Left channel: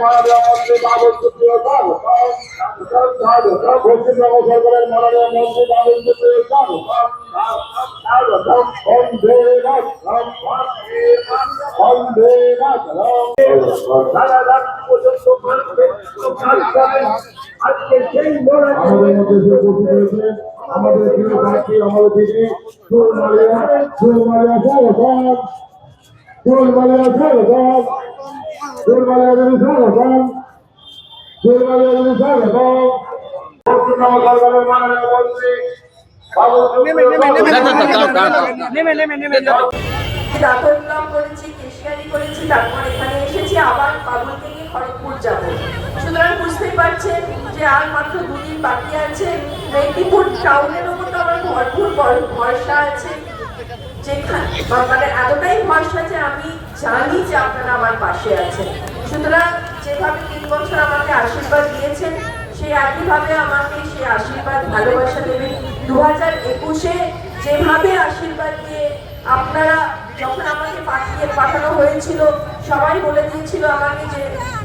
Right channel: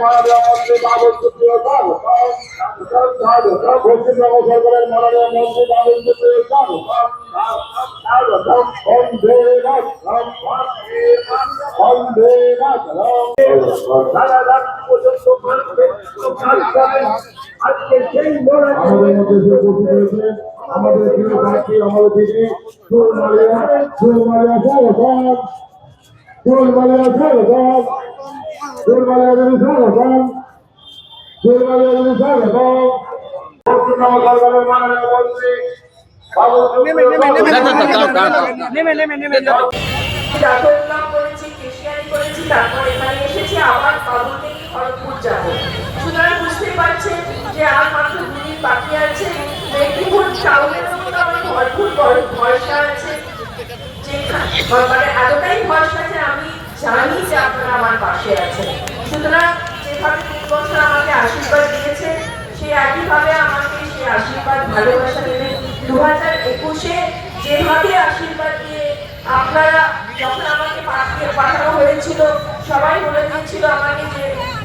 মাননীয় মন্ত্রী বাবুল সুপ্রিয় স্বাগত পশ্চিমবঙ্গ সরকারের মাননীয় মন্ত্রী বাবুল সুপ্রিয় স্বাগত বন্দে মাতরম বন্দে মাতরম সারা রাত পর্যন্ত আজকে আমাদের আমাদের দিদি সুতরাং বুঝতেই পারছেন যে আর আছে ভরপুর ভর- ভরসা আছে যেখানে মানে এতটাই ভরসা যে আমি জানি যে আপনারা আমার পাশে আছেন। সুতরাং যেভাবে তিন বছর আমাকে আশীর্বাদ দিয়েছেন, সেই একইভাবে আমাকে সেই আশীর্বাদ, ভালোবাসা দেবেন। দু হাজার একুশে যেভাবে আশীর্বাদ দিয়ে আপনারা যখন আমাকে পাঠিয়ে পাঠানো হয়েছিল, সবাই বলে দিয়েছিল আমাকে যে,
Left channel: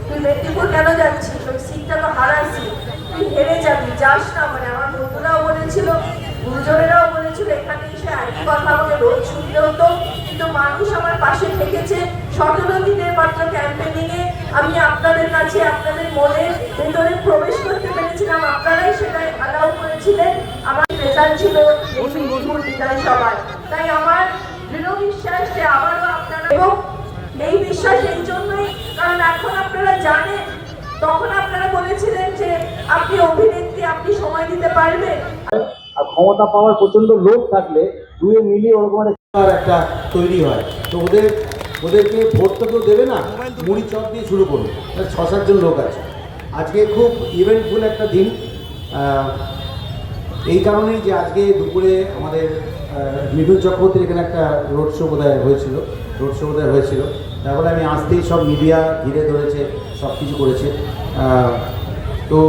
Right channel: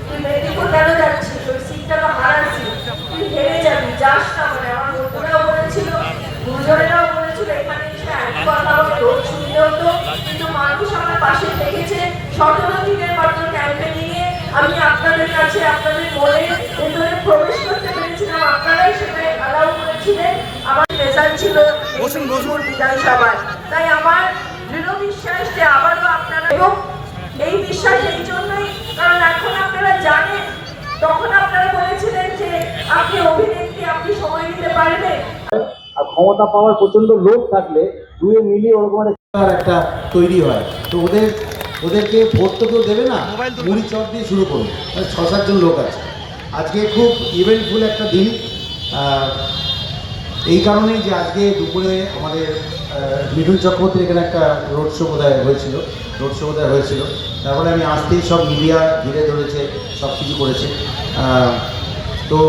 তুই মেদিনীপুর কেন যাচ্ছিস? ওই সিটটা তো হারার সিট তুই হেরে যাবি, যাস না। মানে আমার বন্ধুরাও বলেছিল, গুরুজনেরাও বলেছিল, এখানে এসে একই কথা আমাকে রোজ হতো কিন্তু মানুষ আমার পাশে থেকেছে। সতেরো দিনের মাত্র ক্যাম্পেনিং আমি আপনাদের কাছে আপনাদের মনে ভেতরে প্রবেশ করতে পেরেছিলাম। আপনারাই সেটা অ্যালাউ করেছিলেন। আমার রেজাল্ট ছিল বসুন বসুন। বিধানসভায় তাই আমার দৃঢ় বিশ্বাস যে আবারও আপনারা এবং এই বিশ্বাস এই জন্যই কারণ এখন আপনারা জানেন তখন আপনারা বলেছিলেন যে আপনি অভিনেত্রী আপনি সময় দিতে পারবেন। আর ক্ষমতা পাওয়ার প্রচণ্ড লোভ থাকলে দুয়ে মিলিয়ে ওরকম একটা একটা তৈরি হয়। তো ওদের ওদেরকে ভোট তো কেউ দেবে না মুড়ি চপ দিয়ে শুরু করুন। ছ সাতজন লোক আছে। আজকে খুব ইভেন্টফুল একটা দিন। এই কারণেই যে আজকে দুপুরে আমাদের মিঠুন চক্রবর্তীর এখানে একটা রোড শো বোধহয় হয়েছিল রোড শো বোধহয় হয়েছিল। তারপরে আমি আসতেই সব মিডিয়া ঘিরে ধরেছে সব কিছু করেছে। তো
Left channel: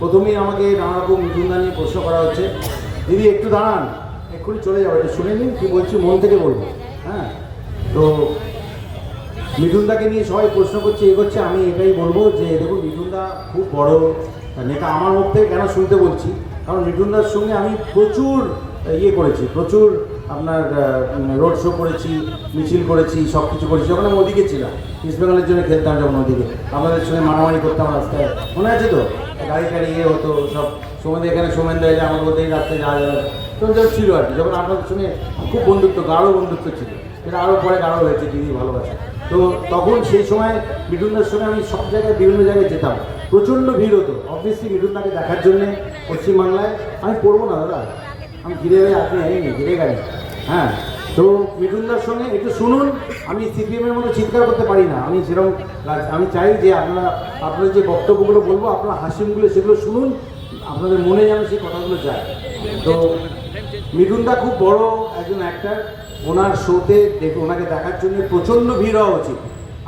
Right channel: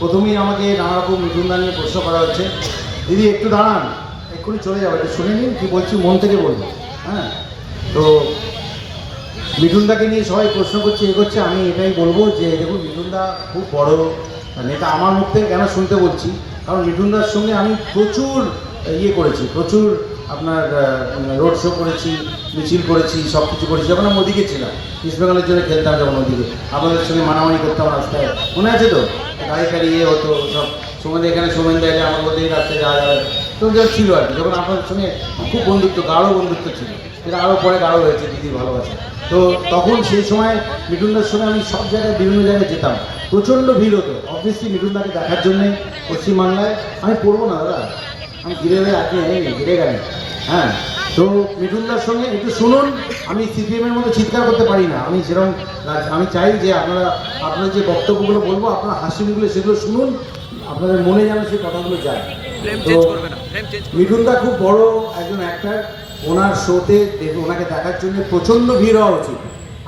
প্রথমেই আমাকে নানা রকম মিঠুনদা নিয়ে প্রশ্ন করা হচ্ছে। দিদি একটু দাঁড়ান। এক্ষুনি চলে যাবে। একটু শুনে নিন কি বলছি, মন থেকে বলব হ্যাঁ? তো মিঠুনদাকে নিয়ে সবাই প্রশ্ন করছে, এ করছে, আমি এটাই বলব যে, দেখুন, মিঠুনদা খুব বড় নেতা। আমার মুখ থেকে কেন শুনতে বলছি? কারণ মিঠুনদার সঙ্গে আমি প্রচুর ইয়ে করেছি, প্রচুর আপনার রোড শো করেছি, মিছিল করেছি সব কিছু করেছি। যখন আমি ওদিকে ছিলাম ইস্ট বেঙ্গলের জন্য খেলতাম যখন ওদিকে। আমাদের সঙ্গে মারামারি করতাম রাস্তায়। মনে আছে তো? গাড়ি গাড়ি ইয়ে হতো, সব সোমেন এখানে সোমেন দেয় আমার ওদিকে রাস্তায় যাওয়া যাবে তখন যখন ছিল আর কি। যখন আপনাদের সঙ্গে খুব বন্ধুত্ব, গাঢ় বন্ধুত্ব ছিল। এটা আরও পরে গাঢ় হয়েছে, দিদি ভালোবাসে। তো তখন সেই সময় মিঠুনদার সঙ্গে আমি সব জায়গায় বিভিন্ন জায়গায় যেতাম। প্রচণ্ড ভিড় হতো। অবভিয়াসলি মিঠুনদাকে দেখার জন্যে পশ্চিমবাংলায়। আমি পড়ব না দাদা। আমি ঘিরে হয়ে আপনি যাইনি ঘিরে গেলেন হ্যাঁ তো মিঠুনদার সঙ্গে একটু শুনুন। আমি সিপিএমের মতো চিৎকার করতে পারি না। আমি সেরকম আমি চাই যে আপনারা আপনার যে বক্তব্যগুলো বলব, আপনারা হাসি মুখগুলো সেগুলো শুনুন। আপনাদের মনে যেন সেই কথাগুলো যায়। মিঠুনদা খুব বড় একজন অ্যাক্টার ওনার শোতে দেখে ওনাকে দেখার জন্য প্রচণ্ড ভিড় হওয়া উচিত।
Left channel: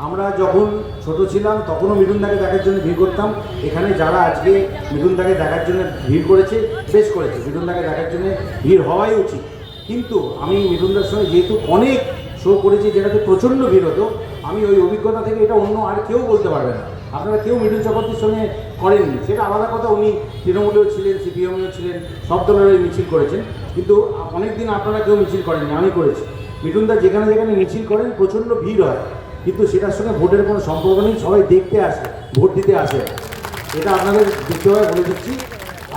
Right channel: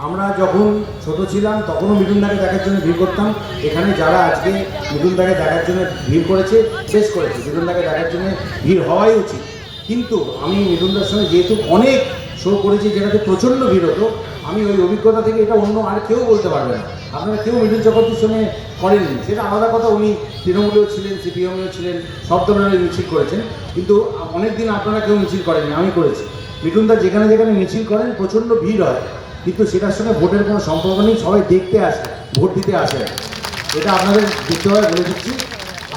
আমরা যখন ছোট ছিলাম তখনও মিঠুনদাকে দেখার জন্য ভিড় করতাম। এখানে যারা আজকে মিঠুনদাকে দেখার জন্য ভিড় করেছে শেষ করেছে। মিঠুনদাকে দেখার জন্য ভিড় হওয়াই উচিত। কিন্তু আমি মিঠুনদার সঙ্গে যেহেতু অনেক শো করেছি যেটাতে প্রচণ্ড ভিড় হতো আমি ওই অভিজ্ঞতা থেকে এটা অন্য আর কেউ বলতে পারবে না। আপনারা কেউ মিঠুন চক্রবর্তীর সঙ্গে করেননি। সেটা আলাদা কথা, উনি তৃণমূলেও ছিলেন, সিপিএমেও ছিলেন, সব দলের মিছিল করেছেন। কিন্তু অনেক দিন আপনারা কেউ মিছিল করেননি, আমি করেছি। মিঠুনদা যেখানে যেখানে মিছিল করেন, প্রচণ্ড ভিড় হয়। কিন্তু সেটার সঙ্গে ভোটের কোনো সম্পর্ক নেই, সবাই দেখতে আসে, ভোট দিতে আসে। এটা আপনাদের দেখতে হয় বলে দিচ্ছি।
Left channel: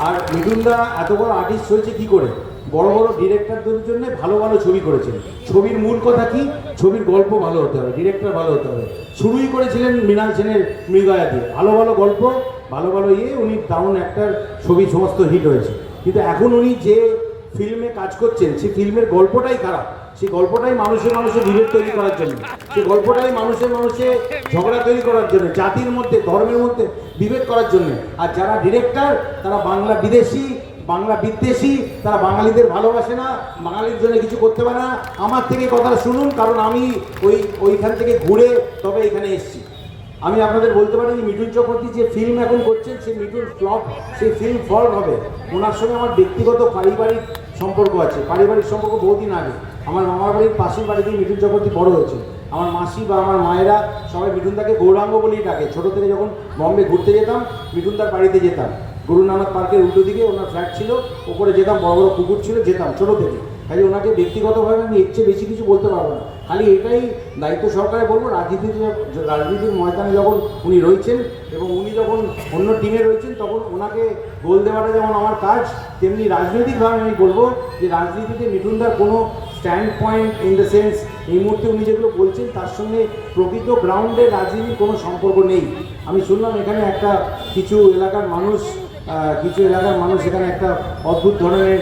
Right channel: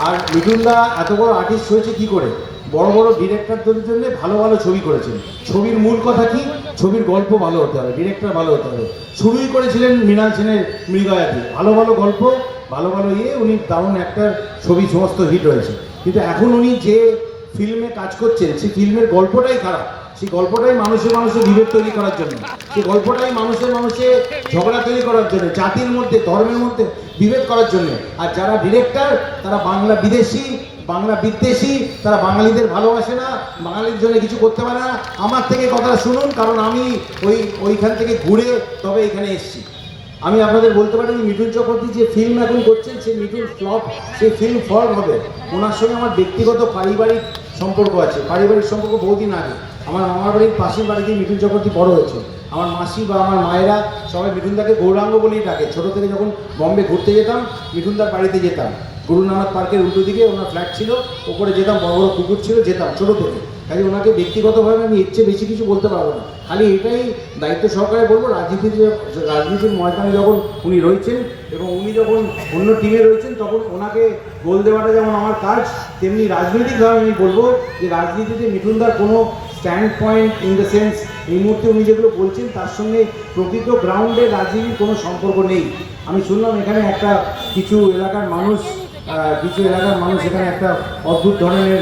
আর মিঠুনদা এত বড় আর্টিস্ট হয়েছে কি করে? বড় বড় ডিরেক্টরদের জন্য ভালো ভালো ছবি করেছেন। ছবির মূল কথা কি? ছবির গল্প ভালো হতে হবে ডিরেক্টর ভালো হতে হবে। শুরুই করেছিলেন মৃণাল সেনের মৃগয়াতে ভালো ভালো গল্প ভালো ভালো ইয়ে উনি দারুণ একটা ছবি, সমস্ত হিট হয়েছে। কিন্তু এখন উনি যে ফিল্মে কাজ করছেন, সেই ফিল্মের গল্পটাই খারাপ। সেই গল্পটাই মানুষের মানুষে বিভেদ তৈরি করার জন্য। সেই গল্পটাই মানুষের মানুষে ঝগড়া তৈরি করার জন্য, জাতির মধ্যে, ধর্মের মধ্যে বিভেদ করার জন্য। আর যারা ডিরেক্টর তারা বাংলা বিদেশি, বাংলা বিদ্বেষী, তারা বাঙালিদের ভালোবাসে না, বাঙালির জন্য কিছু করতে পারে না। আমার থেকে কথা শুনুন, কারণ আমি ওই, ওইখান থেকে ঘুরে তবে এখানে এসেছি। আমি আপনাদের বলতে পারি যে মিঠুন চক্রবর্তী যে ফিল্ম এখন করছেন সেই মিঠুন ফ্লপ সেই ফিল্ম ফ্লপ হবে। ওনার সঙ্গে আমার ব্যক্তিগত পারিবারিক সম্পর্ক আছে। পারিবারিক সম্পর্ক বহুদিন আগে। আমার মামার বাড়ির পাশের বাড়িতেই মিঠুন চক্রবর্তী বড় হয়েছে। আমার মাসি বা আমার মায়েরা সবাই মিঠুনদাকে গৌরাঙ্গ বলেই ডাকে। ছোটো থেকে যখন বম্বে ঘুরতে যেতাম, মিঠুনদার বাড়িতে যেতাম। গুরু নানক পার্কের উল্টো দিকে ওনার ফ্ল্যাট ছিল, ওপরে যেতাম, বড় বড় পুকুর ছিল, যেতাম ছোটো থেকে। খালি ওনাকে ব্যক্তিগতভাবে আমি চেয়ে বেশি কিছু বলতে পারব না। খালি এটাই দায়িত্ব সহকারে বলব, রাজনীতির রাজনীতির ময়দানে যখন উনি রয়েছেন এবং উনি যখন অন্য টিমে রয়েছেন, তখন ওনাকে গোল দেওয়াটা যেমন আমার কাজ, তেমনি রাজনৈতিকভাবে আমি বলব যে রাজনীতিতে মিঠুনদার কোনো stand point in the sense এই মুহূর্তে উনি যেগুলো বলছেন, তার সঙ্গে প্রকৃত গ্রাউন্ডে রাজনীতির কোনো সম্পর্ক নেই। আমি শুনলাম এখানে একটা কিছু এলাকার মানুষ কিছু এলাকার মানুষ এখানে একটা অদ্ভুত ধরনের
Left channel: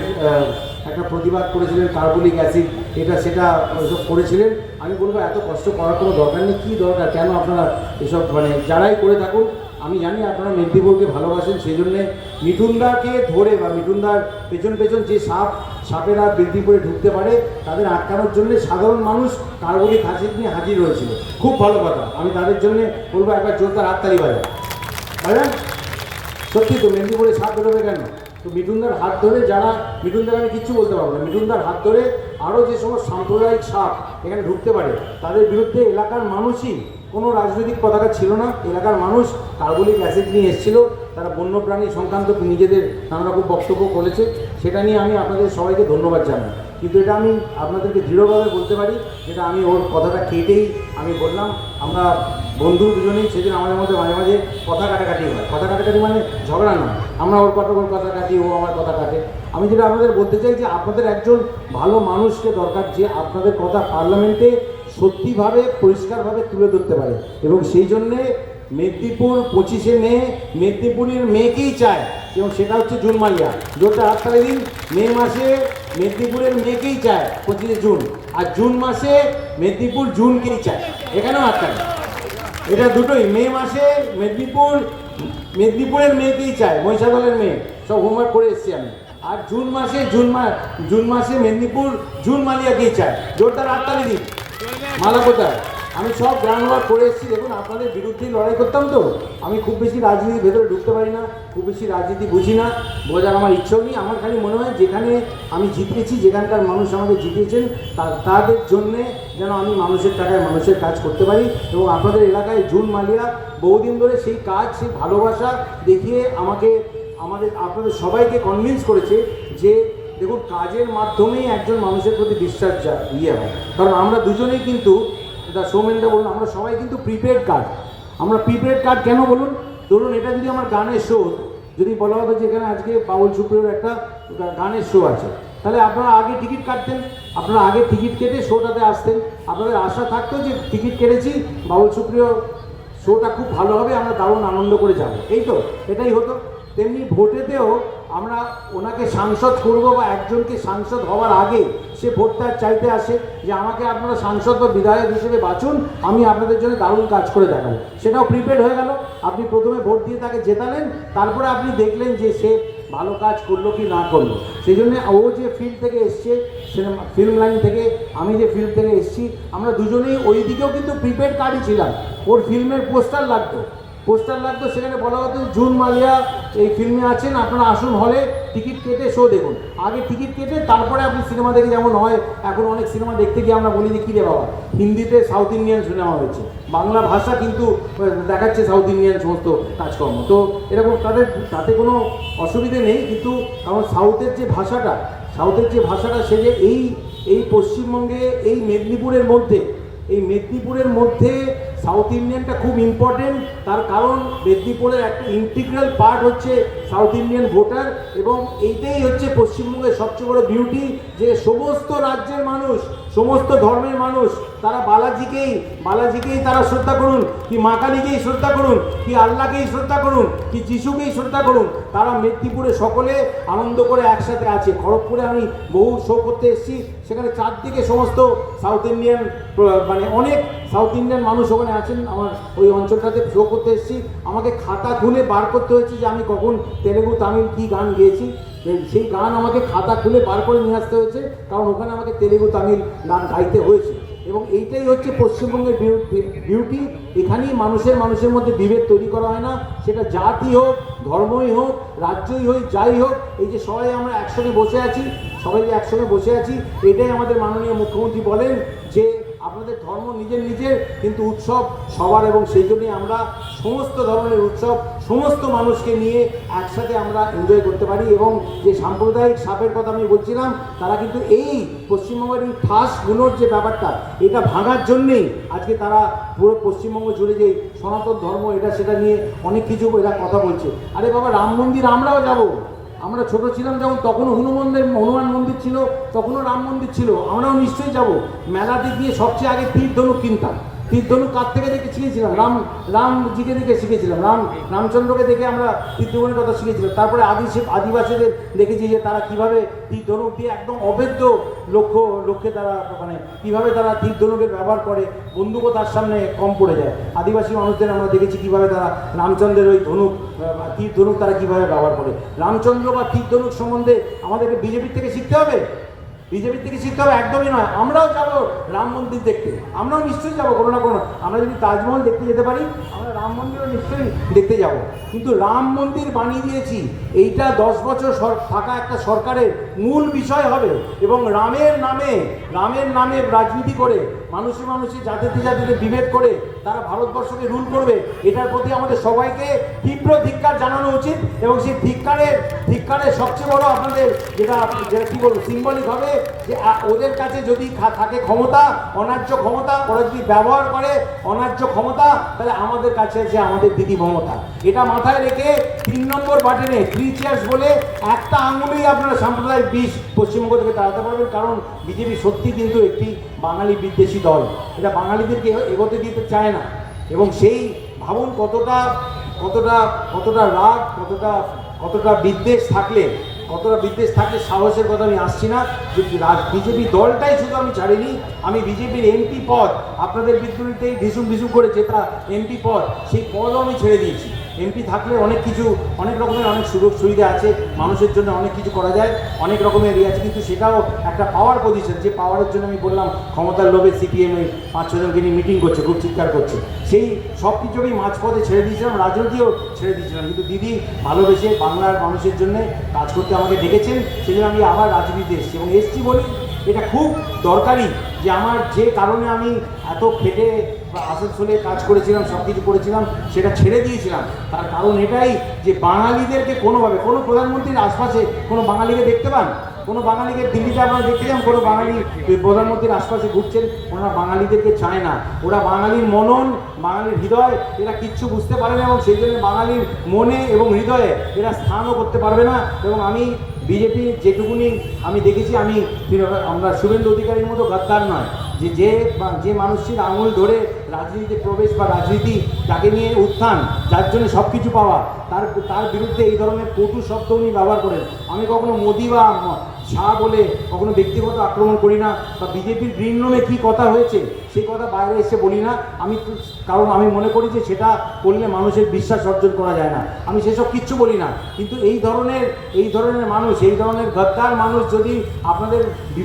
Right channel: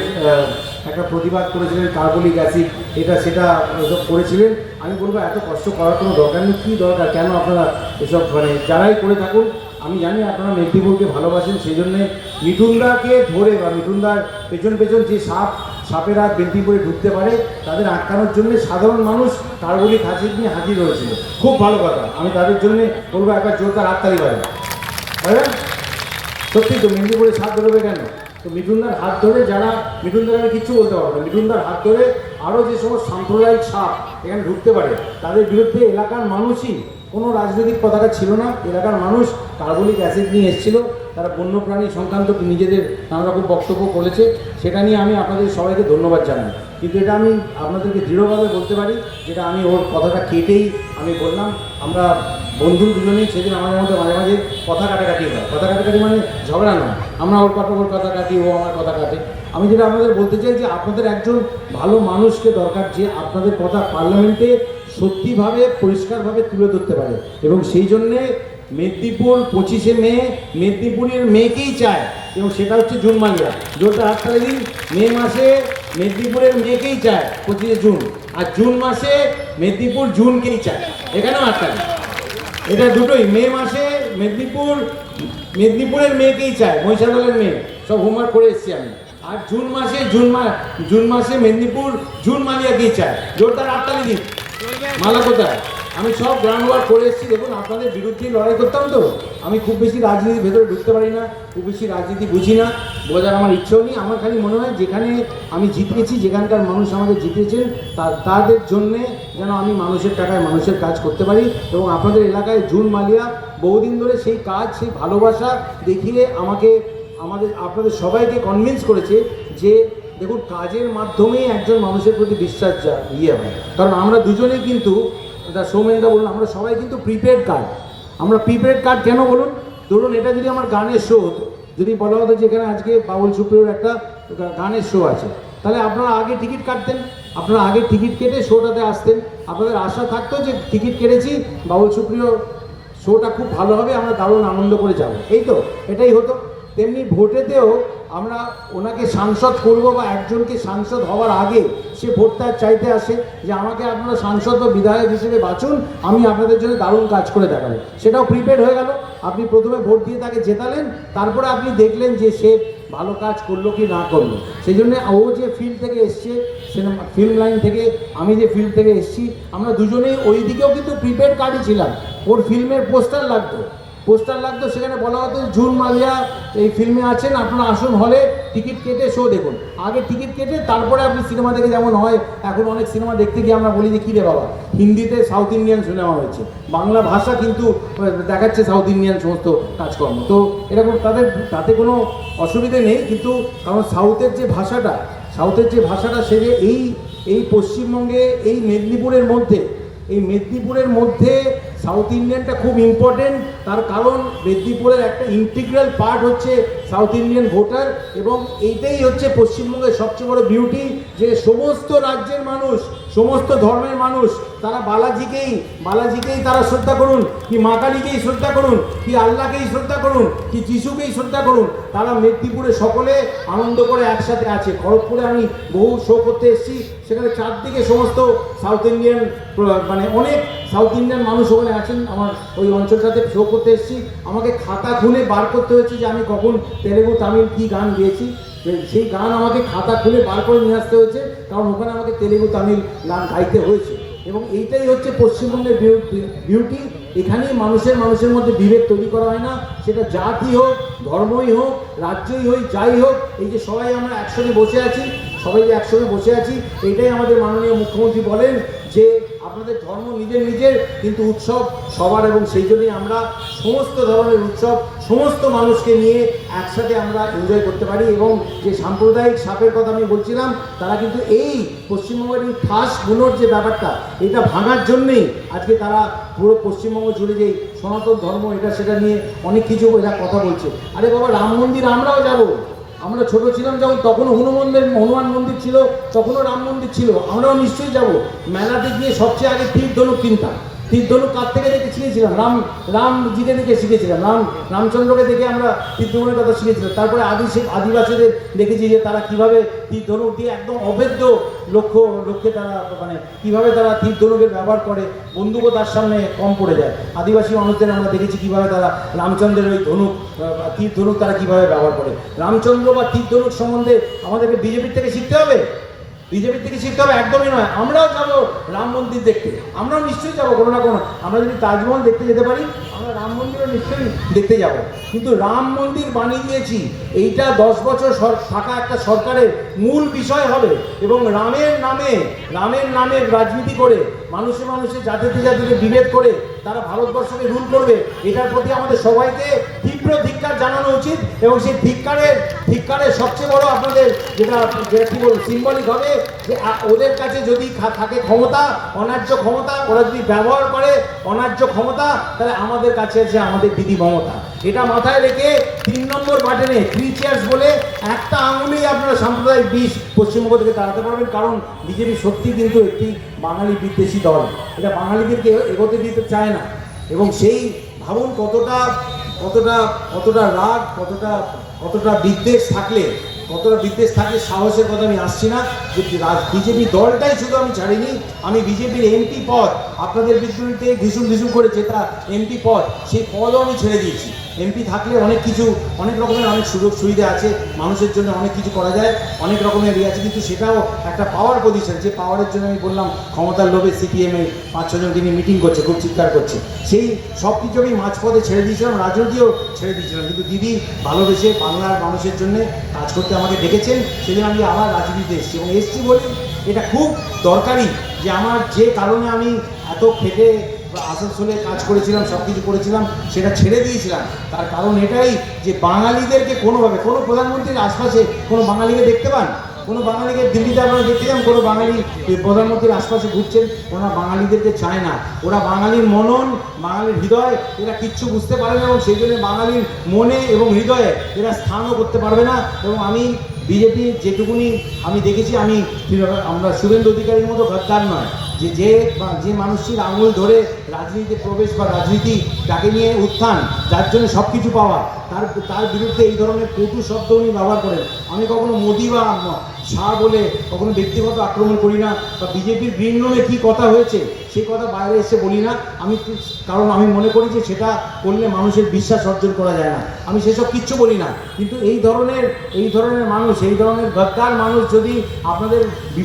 একটা প্রতিবাদ করেছিলেন কার্বলিক অ্যাসিড, এটা সেটা এসব করেছিলেন। আমি বলব, এত কষ্ট করার কোনো দরকার নেই। কী দরকার? কেন আপনারা এসব মানে যারাই করে থাকুন আমি জানি আপনারা মেদিনীপুরকে ভালোবাসেন সেই জন্যে মিঠুনদাকে ধরে বা মিঠুনদার পেছন পেছন যে সাপ, সাপেরা মেদিনীপুরে ঢুকতে পারে, তাদের আটকানোর জন্য সাধারণ মানুষ কার্বলিক অ্যাসিড নিয়ে হাজির হয়েছিল। খুব ভালো কথা। আমি তাদের জন্য বলব একটা জোরদার হাততালি করে তাই না? সত্যি তো, মেদিনীপুরে সাপ বেরোবে কেন? তো মিঠুনদার হাত ধরে যারা, মিঠুনদার আমি কিচ্ছু বলতে পারব না, মিঠুনদার হাত ধরে আরও যে সমস্ত সাম্প্রদায়িক সাপ এখানে ঢুকতে পারে, তাদের বিরুদ্ধে এলাকার মানুষই কোনো রাজনৈতিক পতাকা ছিল না, এলাকার মানুষ কার্বলিক অ্যাসিড নিয়ে এসেছিল, তারা বন্যপ্রাণী সংক্রান্ত নিজেদের নানা রকম বক্তব্য করেছে, সেটা নিয়ে আমি আপনাদের সবাইকে ধন্যবাদ জানাই। কিন্তু এটা আমি আপনাদেরকে দৃঢ়ভাবে বলতে পারি, যেটা আমি ওর কথাটা কেটেই আমি বললাম। আমরা বন্ধু দুজনেই সেদিন আমাদের মধ্যে মাঝে মাঝে কথা কাটাকাটি হয়। কথা কাটাকাটি মানে ঝগড়া নয়। আমরা ওর কথা ওর কথা কাটি, ও আমার কথা কাটে। আমি যেটা আপনাদের বলতে চাই যে আপনাদের একজন ভালো মানুষকে দরকার যে আপনাদের কথা পার্লামেন্টে সত্যিভাবে, পরিষ্কারভাবে তুলে ধরতে পারে। এবং সেই জন্যে মেদিনীপুর পঁচিশে মে, মেদিনীপুরের মেয়েকেই চায়। এবং সেটা হচ্ছে জুন মালিয়া। জোরটা হাততালি দিন। মে মাসে মেদিনীপুরের মেয়েকেই চায় পঁচিশে জুন। আর জুন মাসে মেদিনীপুর জুনকেই চায়। এখানেও আটকা এটা দুটোই। মে মাসে মেদিনীপুর, মেদিনীপুরের মেয়েকেই চায়। মহিষাদলের মেয়ে। সব হোমওয়ার্ক করে এসেছি আমি। আর জুন মাসে, জুন মাস জুন মাসে মেদিনীপুর জুন মালিয়াকেই চায়। জোরদার আটকা দিন। মালা কোথায়? আমি সব ওয়ার্ক করে এসেছি, দেখুন, আপনাদের বিরুদ্ধে লড়াই করতাম তো। আমি খুব বেশি রাজনীতির ভেতরে ঢুকতে পারি না, খুব বেশি রাজনীতি বুঝি না, বোঝার আমার ইচ্ছেও নেই। আমার খালি মনে হয় যেখানে আমি জিতেছি, যেখানকার মানুষ আমাকে জিতেছেন তাদের জন্যে যেন আমি মানুষের টাকায় মানুষের কাজ করতে পারি। এবং আপনাদের এলাকায় জুন মালিয়া, বহুদিন ধরে সেই কাজ, সেই ভালোবাসা দেখিয়ে আমাকে, আমাদের, আপনাদের সবাইকে কনভিন্স করেছে যে, দেখুন, কাজের মাধ্যমেই একজন মানুষের প্রতি বিশ্বাস ইয়ে হয়। কারণ আমরা দুজনেই কিন্তু দা সৌমেনদা বলুন, আমরা সবাই কিন্তু প্রিপেড কার্ড আমরা প্রিপেড কার্ড কেন বলুন? ধরুন, এটা যদি আমার গানের শো যদি বলা হতো যে এখানে আজকে বাউল সুপ্রিয়র একটা গানের শো আছে, তাহলে আপনারা আগে টিকিট কাটতেন, আপনারা আগে টিকিট কেটে শোটাতে আসতেন। আপনাদের আশা থাকতো যে টিকিট কেটেছি, বাউল সুপ্রিয় শোটা খুব ভালো হবে, আমরা দারুণ আনন্দ করে যাব। এই তো, এটাই হতো। তেমনি ভোটেতেও আমরা ওনাকে সাংসদ করব বা একজনকে সাংসদ হওয়ার আগে সে ভোটটা চাইতে আসে যে আমাকে আপনারা সাংসদ বা বিধায়ক হিসেবে বাঁচুন আমি আপনাদের জন্য দারুণ কাজ করে দেখাবো। সেটাও প্রিপেড হয়ে গেল। আপনি প্রথমে ভোট দিয়ে তাকে জেতালেন, তারপরে আপনি দেখলেন যে সে ভালো কাজ করল কি না করল। সেই জন্য ও যে ফিল্ড থেকে এসছে সিনেমা ফিল্ম লাইন থেকে, আমি যে ফিল্ড থেকে এসছি, আমরা দুজনেই ওই দিকেও কিন্তু প্রিপেড কার্ডই ছিলাম। ওর ফিল্মের পোস্টার লাগতো। পোস্টার লাগতো, সেখানে বলা হতো জুন মালিয়া এই ফিল্মে আছেন, আপনারা আসুন হলে টিকিট কেটে শো দেখুন। আগে টিকিট কেটে তারপরে আপনি সিনেমা দেখে যেমন হয়, এখন অনেক সিনেমা দেখতে গিয়ে আমরা বলি যে, কী রে বাবা? হিন্দিতে সাউথ ইন্ডিয়ান সিনেমা হয়েছে। বাংলা ভাষা কিন্তু দেখাচ্ছে সাউথ ইন্ডিয়ান সমস্ত কাজকর্ম। তো এরকম তাদের, তাতে কোনো অসুবিধে নেই, কিন্তু কারণ সাউথের যে ভাষাটা, সাউথের যে ভাষাটা সে যে এই এই পশ্চিমবঙ্গে, এই মেদিনীপুরের মধ্যে, এই মেদিনীপুরের মধ্যে সাউথ ইন্ডিয়ানটা খুব ইম্পর্টেন্ট তার কারণ মেদিনীপুরের একটা ইন্টিগ্রাল পার্ট হচ্ছে সাউথ ইন্ডিয়ান ভোটার এবং এইটাই হচ্ছে পশ্চিমবঙ্গের সবচেয়ে বড় বিউটি যে সমস্ত রাজ্যের মানুষ সমস্ত ধর্মের মানুষ, তারা বালাজিকেই বালাজিকেই তারা শ্রদ্ধা করুন, কি মা কালীকেই শ্রদ্ধা করুন, কি আল্লাহকেই শ্রদ্ধা করুন, কি যিশুকেই শ্রদ্ধা করুন, তারা মেদিনীপুরে সকলে আনন্দ করে একসাথে আছে। খড়গপুরে আমি বহু শো করতে এসেছি, সেখানে চারদিকে সমস্ত সাউথ ইন্ডিয়ান মানে অনেক সাউথ ইন্ডিয়ান মানুষ ওখানে আছেন। আমার ওই অঞ্চলটাতে শো করতে এসেছি। আমাকে খাতা খুলে বার করতে হয়েছে যে আমি কখন তেলেগু, তামিল কী গান গেয়েছি। সেই গান আমাকে খাতা খুলে বার করে নিয়ে আসতে হয়েছে, কারণ ওখানে আমাকে তেলেগু তামিল গান গাইতে হয়েছে। এবং এইটাই হচ্ছে পশ্চিমবঙ্গের বিউটি, এখানেই মানুষের মানুষের মধ্যে বিভেদ তৈরি করা হয় না। সেটা জাতি হোক, ধর্মই হোক, রাজ্যই হোক, যাই হোক, এই যে সবাই আমরা একসঙ্গে বসে আছি, সবাই যে একসঙ্গে বসে আছি, এটাই আমাদের মাননীয় মুখ্যমন্ত্রী বলেন যে আপনাদের ধর্ম নিজের নিজের, কিন্তু উৎসব সবার এবং সেই জন্যই আমরা সমস্ত ধরনের উৎসব, সমস্ত মানুষকে নিয়ে একসাথে আমরা এনজয় করতে পারি এবং যে সাম্প্রদায়িক সাপের কথা আমি বলছিলাম, তারা কিন্তু এই পশ্চিমবঙ্গের এই ফাঁসগুলোর যে ব্যাপারটা, এটা ভাঙার জন্যেই আজকে তারা পুরো পশ্চিমবঙ্গ জুড়ে যে সনাতন ধর্ম, এটা সেটা নিয়ে অনেক কিছু এরা কথা বলছে। আরে বাবা, রাম মন্দির আমরাও যাব। আমরা ছোট ছিলাম যেমন তখনও হনুমানদের হনুমান মন্দির ছিল, তখনও রাম মন্দির ছিল। আমরাও নিশ্চয়ই যাব। মেলাতে গিয়ে সবচেয়ে আগে তীর ধনুক কিনতাম তীর ধনুক কার থেকে দেখে শিখেছিলাম? রাম, রামজিকে দেখে শিখেছিলাম। রাম, রামচন্দ্রকে দেখে আমরা তীর ধনুকের কথা শিখেছিলাম। তারপরে আদি আদিবাসীদের দেখেছি যে তারা কীভাবে তীর ধনুক দিয়ে একদম অবৈধ লক্ষ্য, লক্ষ্যে তারা মানে কীভাবে তারা তীর ধনুকের ব্যবহার করে, বন্দুকও তার সামনে কম পড়ে যায়। আদিবাসী মানুষদের আমরা দেখেছি কীভাবে তারা রামচন্দ্রের ওই ধনুক তীর ধনুক তারা কীভাবে ব্যবহার করে। রামচন্দ্র বা তীর ধনুক সম্বন্ধে আমাদেরকে বিজেপির থেকে শিখতে হবে? বিজেপির থেকে শিখতে হবে, একদমই নয়। আমরাও যাব রাম মন্দির দেখতে। আমরাও নিশ্চয়ই যাব, কোনো না কোনো। আমরা যদি তাজমহল দেখতে যেতে পারি, আমরা রাম মন্দিরও নিশ্চয়ই দেখতে যাব। কিন্তু রাম মন্দির বানিয়ে দিয়েছি এইটা দশ বছর থাকা একটা সরকারের মূল বিষয় হবে। এবং রামের নামে রামের নামে রাজনীতি করে, মানুষে মানুষে জাতিতে জাতিতে বিভেদ করে তারা ভারতবর্ষকে রুল করবে। এটার প্রতি আমাদের সবাইকে তীব্র ধিক্কার জানানো উচিত এবং সেই ধিক্কারের ধিক্কারের সবচেয়ে বড় আপনাদের যেটা যেটা কী বলব সিম্বলিক হবে যে ওদের কাছে যদি থাকে ক্ষমতা, অনার্য ক্ষমতা, ওরা যদি ব্যবহার করে অনার্য ক্ষমতা, তাহলে আমাদের কাছে আছে আমাদের দিদি মমতা। এটা মাথায় রেখে তিন নম্বর বাটনে থ্রি চেয়ার্স বলে একটা আঙুলেই আপনারা সাম্প্রদায়িক বিষ পশ্চিমবঙ্গ থেকে দাঁড়াতে পারবেন। কারণ বিজেপি সত্যি কিন্তু একটি বাঙালি বিদ্বেষী দল। এটা বাঙালিদেরকে এগোতে দিতে চায় না। এবং সেই ভাবুন কতটা কতটা কতটা রাগ, কতটা কতটা বিদ্বেষ থাকলে, কতটা বিদ্বেষ থাকলে সাহসের কথা আমি আসছি না যে বিজেপি দলটাই শুধু আমি ছাড়িনি, আমি বিজেপির এমপি পদ, আপনাদের বিদ্যুতে ভীষণ ভীষণ করে যেটা এমপি পদ, সেই পদও আমি ছেড়ে দিয়েছি। এমপি থাকলে অনেক কিছু, অনেক রকমের অনেক সুযোগ সুবিধা আছে, মানুষের জন্য অনেক কিছু করা যায়, অনেক রকমের ইয়ে আছে, কিন্তু সেটাও একটা পাওয়ার পজিশন যে পাওয়ারের জন্য আমি বললাম, ক্ষমতার লোভে সিপিএম পাঁচ ছজনকে নিয়ে মিটিং করছে, খুব চিৎকার করছে, সেই সব কিছু আমি মাঝপথে ছেড়ে দিয়েছিলাম, রাজনীতিও ছেড়ে দিয়েছিলাম, কিন্তু দিদি ভালোবেসে বাংলার মানুষের জন্য কাজ করতে আমাকে ডেকেছেন সেদিন আমি আবার রাজনীতিতে এসেছি, এবং এসেছি বলি এটা খুব দরকারি যে আমার যে কারণে আমি এত খেটে আসানসোলে কাজ করেছিলাম, সব কিছু করেছিলাম, সেটা ছেড়ে দিয়েছিলাম। তার কারণ এটাই যে বাঙালিদেরকে কোনোভাবে, কোনো প্রধানমন্ত্রীর আশপাশে কোনো বাঙালিকে দেখতে পান? কোনো বাঙালিকে দিল্লিতে আপনারা দেখতে যান? কোনো বাঙালি প্রধানমন্ত্রীর আশপাশে ঘুরছেন? ওরা বাঙালিদেরকে চায় না। ওরা বাঙালির মনন, বাঙালির হৃদয়, এরা কিচ্ছু বুঝতে পারে না এবং সেই জন্য বাঙালির মনে এবং হৃদয়ে এরা স্থানও করতে পারবে না। এবং আমি বিজেপি যেটুকুনি আমি দেখেছি, আমি আমরা শুভেন্দু অধিকারীর মতো গদ্দার নয়। যে যে যে মানুষটির আঙুল ধরে রাজনীতিতে প্রবেশ বা রাজনীতি তাকে নিয়ে উত্থান, যার জন্য সব কিছু পাওয়া, তার তার বিরুদ্ধে এই ধরনের কটু শব্দ উনি ব্যবহার করেন। আমি কখনো মোদি বা শাহ বলে কখনো ব্যক্তিগত আক্রমণ করি না, বা বিজেপির গ্রিন রুমে কী কথা হয়েছে, সেই কথা বাইরে এসে বলি না। আমি কারণ আমি মনে করি যে সেটা করলে মানুষের বিশ্বাস অর্জন করা যায় না। আমি সেসব কিচ্ছু বলি না। কিন্তু এই ধরনের এই ধরনের মানুষ, এই ধরনের গদ্দার মানুষ যদি আপনাদের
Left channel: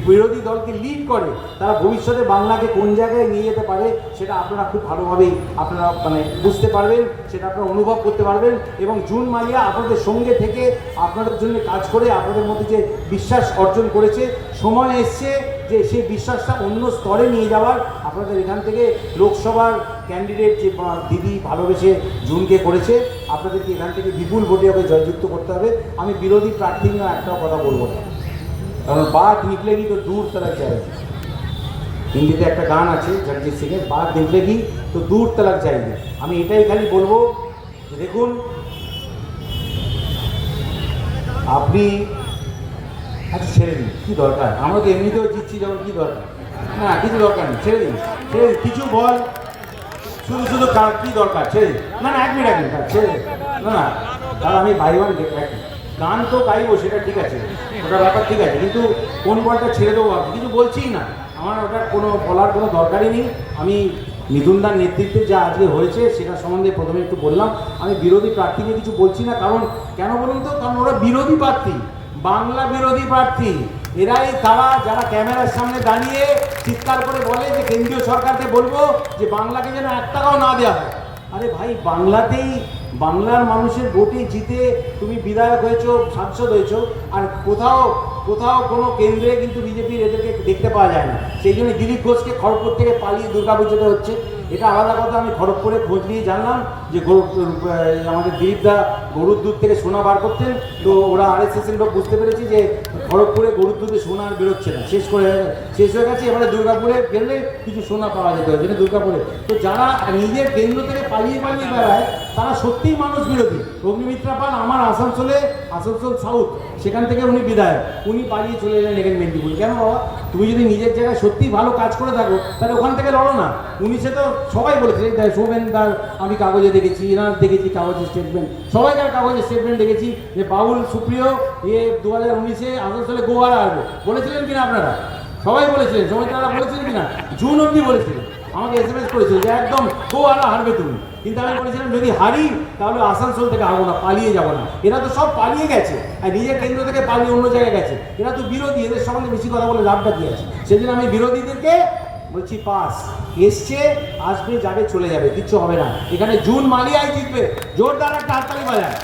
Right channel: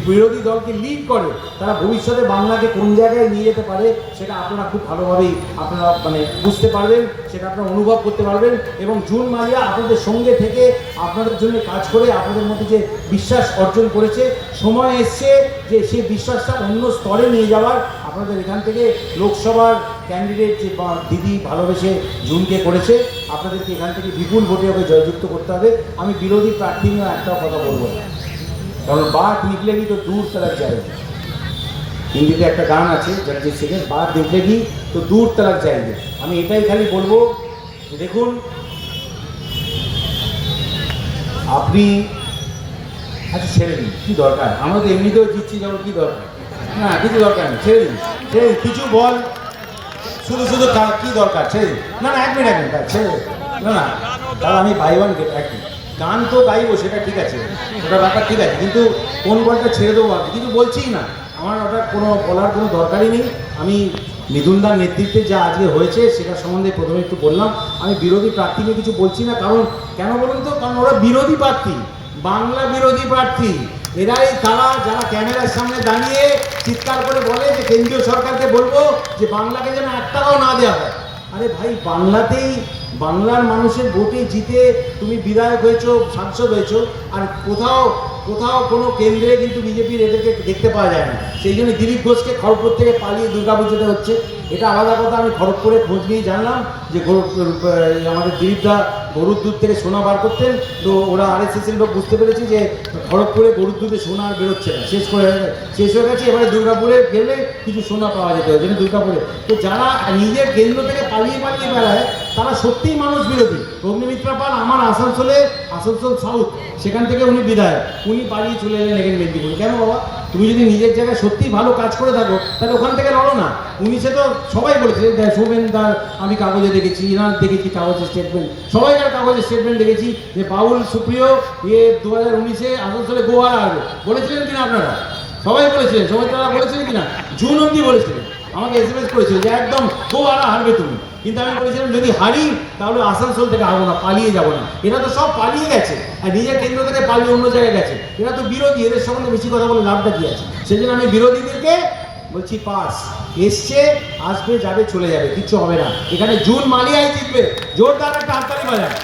বিরোধী দলকে লিড করে, তারা ভবিষ্যতে বাংলাকে কোন জায়গায় নিয়ে যেতে পারে, সেটা আপনারা খুব ভালোভাবেই, আপনারা মানে বুঝতে পারবেন। সেটা আপনারা অনুভব করতে পারবেন এবং জুন মালিয়া আপনাদের সঙ্গে থেকে আপনাদের জন্য কাজ করে আপনাদের মধ্যে যে বিশ্বাস অর্জন করেছে, সময় এসছে যে সেই বিশ্বাসটা অন্য স্তরে নিয়ে যাওয়ার। আপনাদের এখান থেকে লোকসভার ক্যান্ডিডেট যে দিদি ভালোবেসে জুনকে করেছে, আপনাদেরকে এখান থেকে বিপুল ভোটে ওকে জয়যুক্ত করতে হবে। আমি বিরোধী প্রার্থী নিয়ে একটা কথা বলব না। কারণ বাঘ নিকলেগি তো দূর তারা যায় হিন্দিতে একটা গান আছে, জগজিৎ সিংয়ের বাঘ দেখলেগি তো দূর তালাক যায়নি আমি এটাই খালি বলব, দেখুন, আপনি আচ্ছা ছেড়ে দিন, কী দরকার? আমরা তো এমনিতেও জিতছি যখন কী দরকার? না, কিছু দরকার নেই, ছেড়ে দিন ছেড়ে দিন, কিছু বল, শুধু শুধু তার কী দরকার, ছেড়ে দিন। না না, এক মিনিট এক মিনিট ছেড়ে না না তাহলে আমি ভাই ওয়ান এক গান তো গাইবো, সেটা ঠিক আছে ওটা ব্যাপার ঠিক আছে, কিন্তু কোন বলটা ছেড়ে দেবো আমি? কিন্তু বলছিই না, আমার ওটা কোনো বলার কোনো দরকারই নেই, আমি মিথুনদার নেতৃত্বে যা আজকে হয়েছে, সেটা সম্বন্ধে প্রথমে একটু বললাম। আমি বিরোধী প্রার্থী নিয়ে কিছু বলছি না, কারণ কেন বলুন তো? কারণ ওরা বিরোধী প্রার্থী, বাংলা বিরোধী প্রার্থী। এরাই তারা, যারা ক্যামেরার সামনে দাঁড়িয়ে চিৎকার করে বলে যে কেন্দ্রীয় সরকারকে বলব যে বাংলাকে যেন এক টাকাও না দেওয়া হয়। আরে ভাই, বাংলাতেই, বাংলার মানুষের ভোটে জিতে তুমি বিধায়ক হয়েছো, সাংসদ হয়েছো, আর কোথাও কোথাও কোনো কেন্দ্রে কিন্তু বিজেপির এদেরকে দেখতে পাওয়া যায় না। সেই জন্য দিলীপ ঘোষকে খড়গপুর থেকে পালিয়ে দুর্গাপুজোতে হচ্ছে। এটা আলাদা কথা, আমি খড়গপুরে খোঁজ নিয়ে জানলাম যে আমাদের দিলীপদা গরুর দুধ থেকে সোনা বার করতেন। তো ওরা আর এস এস লোক বুঝতে পেরেছি যে খড়গপুরে গরুর দুধে সোনা আর বেরোচ্ছে না। শেষ করে, শেষ হয়ে গেছে। এবারে দুর্গাপুরে গেলে কিছু সোনা পাওয়া যেত যেন দুর্গাপুরে। তো যারা নিজের কেন্দ্র থেকে পালিয়ে পালিয়ে বেড়ায়, তারা সত্যিই মানুষ বিরোধী। অগ্নিমিত্রা পাল আমার আসানসোলে আসানসোল সাউথ, সেখান থেকে উনি বিধায়ক। উনি পালিয়ে চলে এলেন এখানে মেদিনীপুর। কেন বাবা? তুমি যদি নিজের জায়গায় সত্যিই ভালো কাজ করে থাকো, তাহলে ওখান থেকে লড়ো না। উনি সে তো সবাই বলেছে সৌমেন দার, আমি কাগজে দেখেছি, এনার দেখেছি কাগজে স্টেটমেন্ট সবাই সবাইকার কাগজে স্টেটমেন্ট দেখেছি যে বাউল সুপ্রিয় ইয়ে দু হাজার উনিশে আসানসোলে গোয়ারা আসবে বলেছিলেন কিনা আপনারা? সবাই বলেছিলেন, সবাই তারা বলেছিলেন কিনা? জুন অব্দি বলেছিলেন। আমাকে এস এম এস করেছিল যে একদম গোয়ারা হারবে তুমি। কিন্তু আমি বলেছিলাম, যদি হারি, তাহলে আসানসোল থেকে হারবো না, পালিয়ে যাব না। এরা তো সব পালিয়ে গেছে, আর নিজের কেন্দ্র থেকে পালিয়ে অন্য জায়গায় গেছে। এরা তো বিরোধী, এদের সঙ্গে বেশি কথা বলে লাভটা কি আছে? সেই জন্য আমি বিরোধীদেরকে বলছি, পাস, এসছে, আসবে, যাবে, চলে যাবে, কিচ্ছু হবে না। এখানে জুন মালিয়ায় জিতবে, জোরদার একটা হাততালি বাজায়